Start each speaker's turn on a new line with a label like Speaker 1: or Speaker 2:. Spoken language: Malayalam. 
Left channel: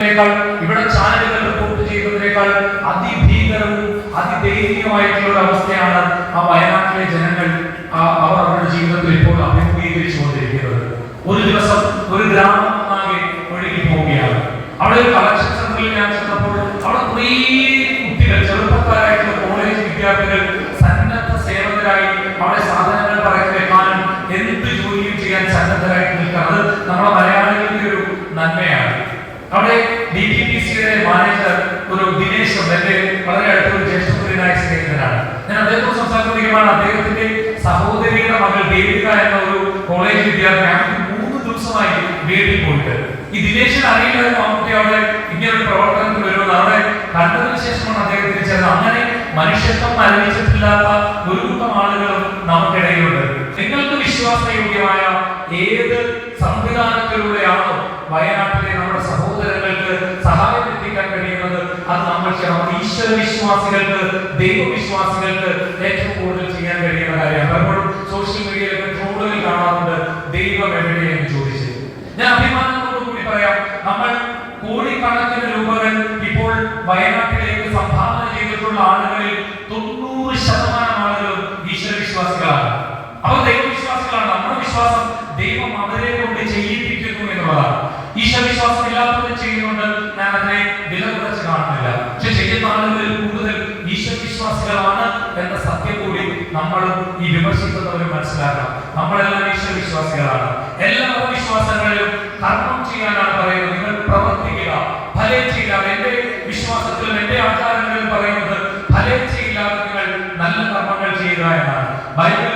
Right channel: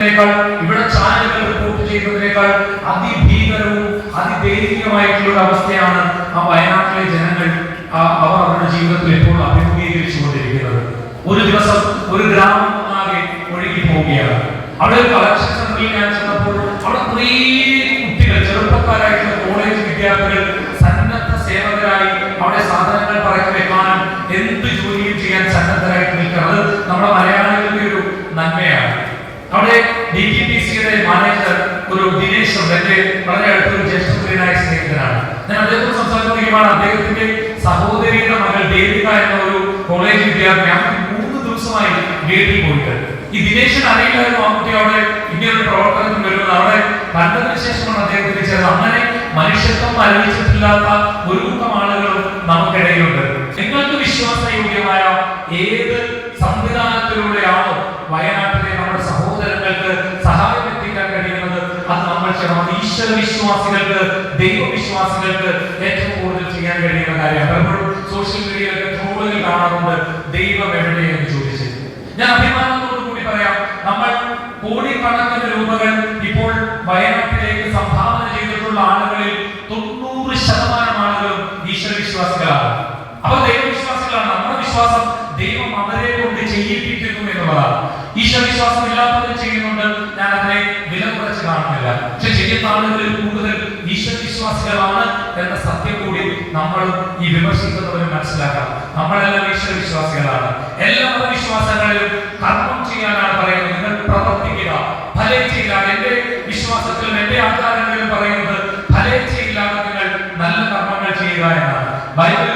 Speaker 1: ഇവിടെ ചാനലുകൾ റിപ്പോർട്ട് ചെയ്യുന്നതിനേക്കാൾ അതിഭീകരവും അതിദയനീയമായിട്ടുള്ള ഒരു അവസ്ഥയാണ് ആ വയനാട്ടിലെ ജനങ്ങൾ അവർ അവരുടെ ജീവിതത്തിൽ ഇപ്പോൾ അഭിമുഖീകരിച്ചുകൊണ്ടിരിക്കുന്നത്. ഒരു ദിവസം ഒരു ഗ്രാമം ആകെ ഒഴുകി പോവുകയാണ്. അവിടെ ഒരു കളക്ഷൻ സെന്ററിൽ ഞാൻ ചെന്നപ്പോൾ അവിടെ കുറേ കുട്ടികൾ ചെറുപ്പക്കാരായിട്ടുള്ള കോളേജ് വിദ്യാർത്ഥികൾ സന്നദ്ധ സേവകരായി അവിടെ സാധനങ്ങൾ പറക്കി വെക്കാനും എന്ത് ജോലിയും ചെയ്യാൻ സന്നദ്ധരായിട്ട് നിൽക്കുന്നത് നമ്മുടെ നന്മയാണ് അവിടെ ഡി ടി പി സിയുടെ മാനേജർ ഒരു ദിനേശ് ഉണ്ട്. എന്റെ വളരെ അടുത്തൊരു ജ്യേഷ്ഠപ്രിയനായ സ്നേഹിതനാണ്. ഞാൻ അദ്ദേഹത്തോട് സംസാരിച്ചിരിക്കുമ്പോൾ അദ്ദേഹത്തിന്റെ സഹോദരിയുടെ മകൾ ദേവിക എന്ന ഒരു കോളേജ് വിദ്യാർത്ഥി ഞാൻ മൂന്ന് ദിവസമായി വീട്ടിൽ പോയിട്ട്. ഈ ദിനേശിന് അറിയില്ലായിരുന്നു കുട്ടി അവിടെ ഇങ്ങനൊരു പ്രവർത്തനത്തിൽ വരുമെന്ന് അവിടെ കണ്ടതിന് ശേഷമാണ് അദ്ദേഹത്തിന് ചേർന്നത് അങ്ങനെ മനുഷ്യത്വം അറിയിച്ചിട്ടില്ലാത്ത ഒരു കൂട്ടം ആളുകളും നമുക്കിടയിലുണ്ട്. നിങ്ങൾക്ക് വിശ്വാസയോഗ്യമായ ഏത് സംവിധാനത്തിലൂടെയാണോ വയനാട്ടിലെ നമ്മുടെ സഹോദരങ്ങൾക്ക് നമ്മൾ ചെയ്യണം. ഈശ്വര വിശ്വാസികൾക്ക് ദൈവവിശ്വാസികൾക്ക് ഏറ്റവും കൂടുതൽ ചെയ്യാൻ കഴിയുന്ന കാര്യമാണ് പലപ്പോഴും സോഷ്യൽ മീഡിയയിലൊക്കെ ട്രോളുകൾ കാണാറുണ്ട്. ദൈവം എവിടെയെന്ന് ചോദിച്ചു. ഞാൻ അഭിമാനത്തോടു കൂടി പറയാം. നമ്മൾ കോടിക്കണക്കിന് രൂപകൾ ഇപ്പോൾ വയനാട്ടിലേക്ക് സംഭാവന ചെയ്തിട്ടുള്ള ആളുകളിൽ തൊണ്ണൂറ് ശതമാനം ആളുകളും ഈശ്വര വിശ്വാസികളാണ് അപ്പൊ ദൈവവിശ്വാസികളാണ്. നമ്മുടെ വിശ്വാസം ദൈവം അവരെ എന്നുള്ളതാണ് ഈശ്വരവിശ്വാസം ഇല്ലാത്തവർ ചെയ്യുന്നുണ്ട്. ഞാൻ അതിനെ വില കുറച്ച് കാണുന്നില്ല പക്ഷെ ശരിക്കും ആളുകളിൽ കൂടുതൽ ഈശ്വരവിശ്വാസികളാണ് എന്ന സത്യം കൂടി നമ്മൾ ഈ വിമർശിക്കുന്നവരെ മനസ്സിലാക്കണം. നമ്മളെല്ലാം ഈശ്വരവിശ്വാസികളാണ് എല്ലാ മതവിശ്വാസങ്ങളിലും കർമ്മം ചെയ്യാനാണ് പറയുന്നത്. നിങ്ങൾ പ്രവർത്തിക്കുക. ഫലേ ചെയ്യില്ല. എന്റെ വിശ്വാസത്തിലും എന്റെ ആചാരങ്ങളിലും പറയുന്നത് ഫലേ ചെയ്യില്ലാതെ നിങ്ങൾ നല്ല കർമ്മങ്ങൾ ചെയ്യുക എന്നാണ്. ബൈബിൾ